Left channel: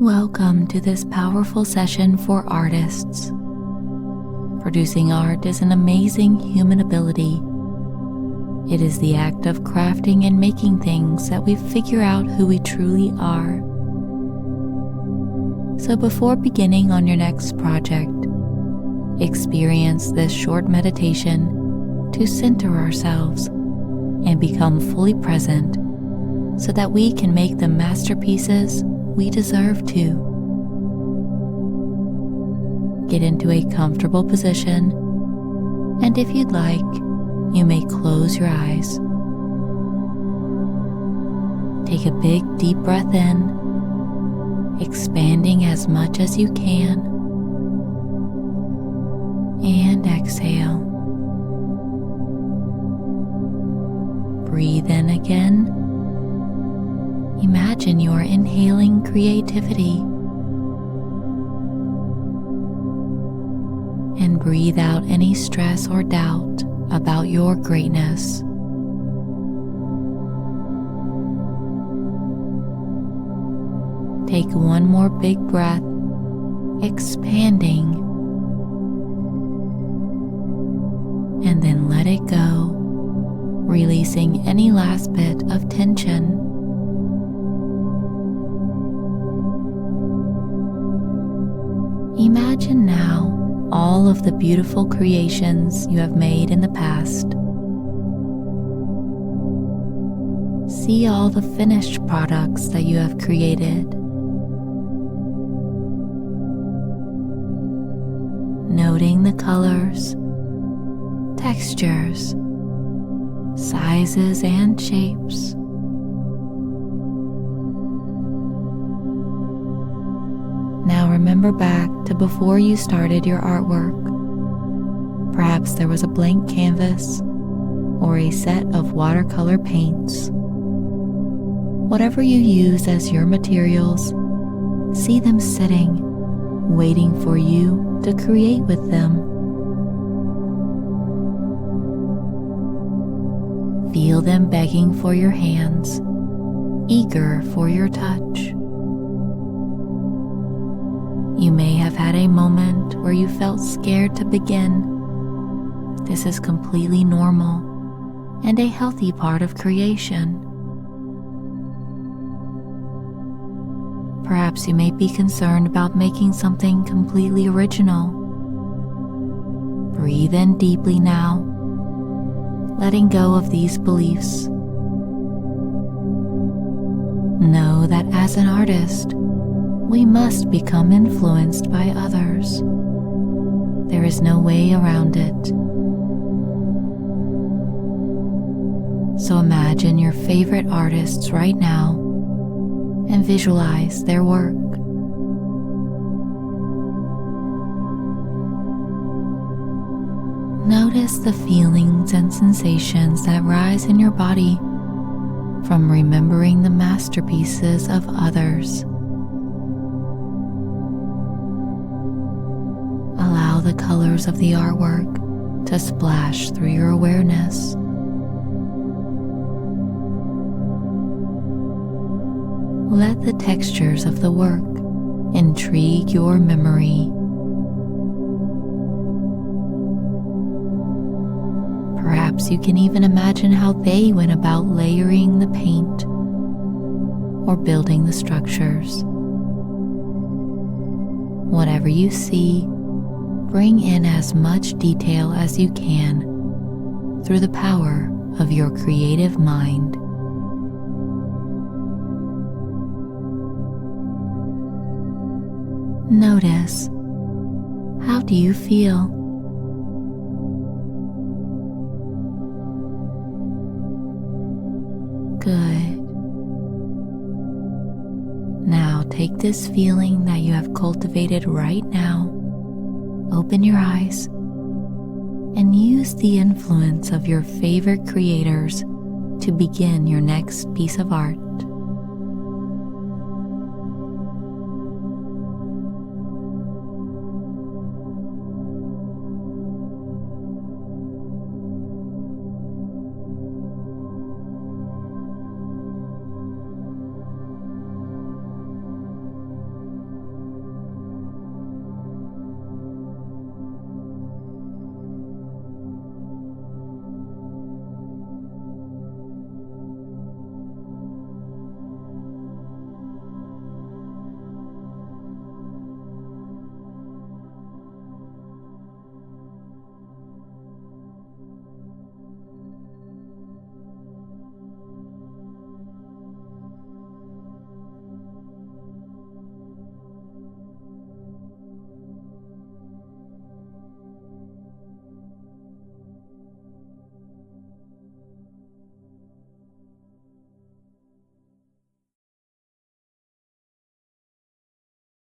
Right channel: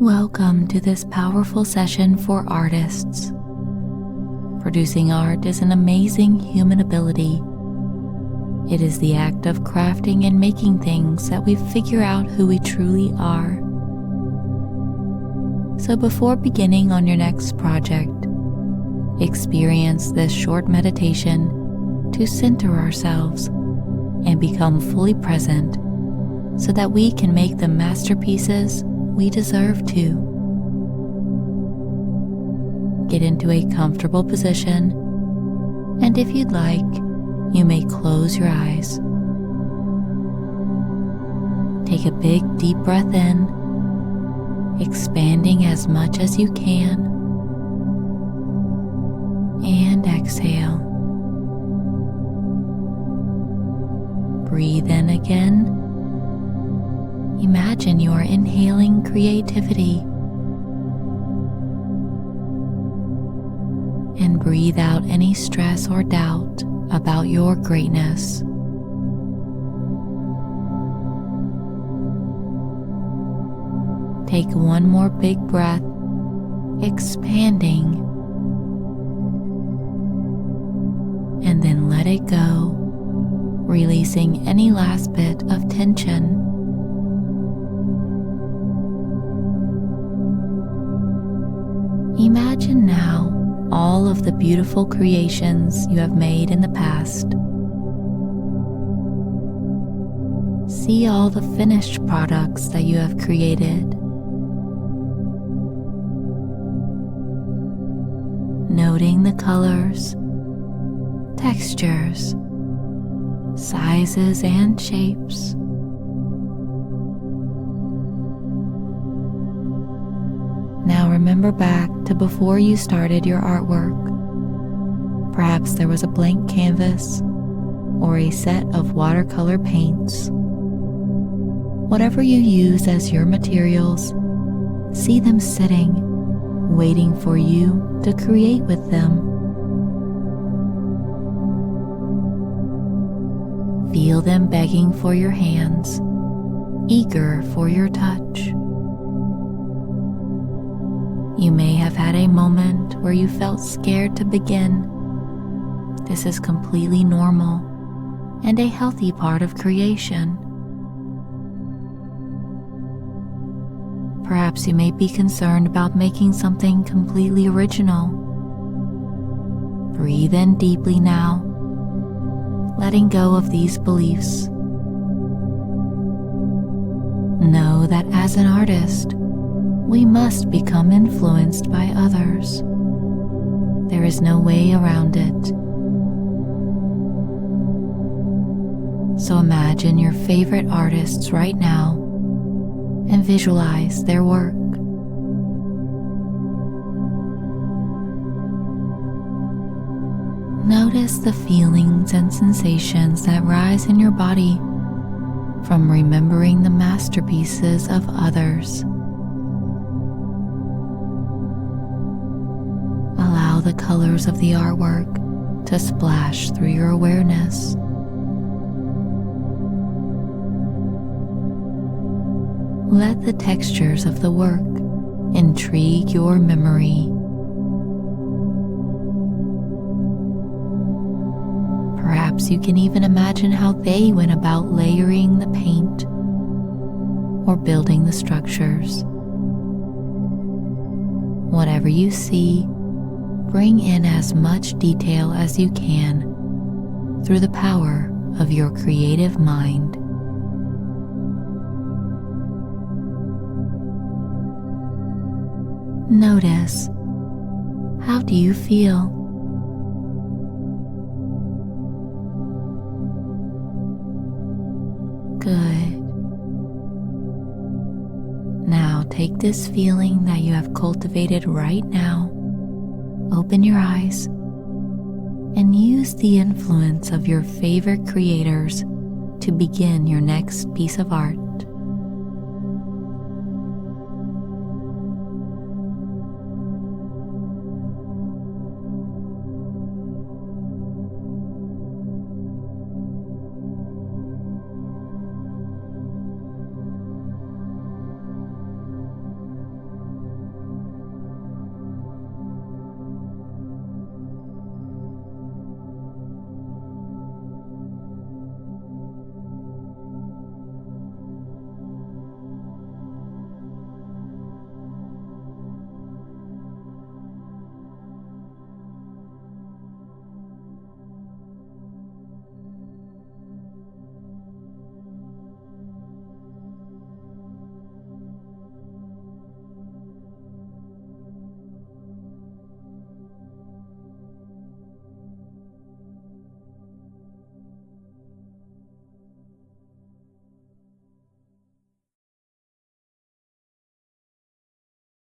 Welcome to this powerful session for artists. Producing art is an amazing human ability. It is the act of crafting and making things that we figure out who we truly are. So before beginning on your next project, experience this short meditation to center ourselves and become fully present so that we can make the masterpieces we deserve to. Get into a comfortable position, and if you'd like, you may close your eyes. Take a big deep breath in, expanding as much as you can, and exhale. Breathe in again. Imagine you are inhaling creativity. And breathe out any stress or doubt about your greatness. Take one more big breath, expanding, and then let it go, releasing any last bit of tension. Imagine now all of the beautiful creations you have made in the past. See all the finished products that you have created. Noting the colors, textures, sizes, and shapes. Now remember back to before you started your artwork. Perhaps there was a blank canvas or a set of watercolor paints. Whatever you use as your materials, see them sitting, waiting for you to create with them. Feel them begging for your hands, eager for your touch. You may have had a moment where you felt scared to begin. This is completely normal and a healthy part of creation. Perhaps you may be concerned about making something completely original. Breathe in deeply now, letting go of these beliefs. Know that as an artist, we must become influenced by others. There is no way around it. So imagine your favorite artists right now and visualize their work. Notice the feelings and sensations that rise in your body from remembering the masterpieces of others. Allow the colors of the artwork to splash through your awareness. Let the textures of the work intrigue your memory. Perhaps you can even imagine how they went about layering the paint or building the structures. Whatever you see, bring in as much detail as you can through the power of your creative mind. Notice, how do you feel? Good. Now take this feeling that you have cultivated right now, open your eyes, and use the influence of your favorite creators to begin your next piece of art.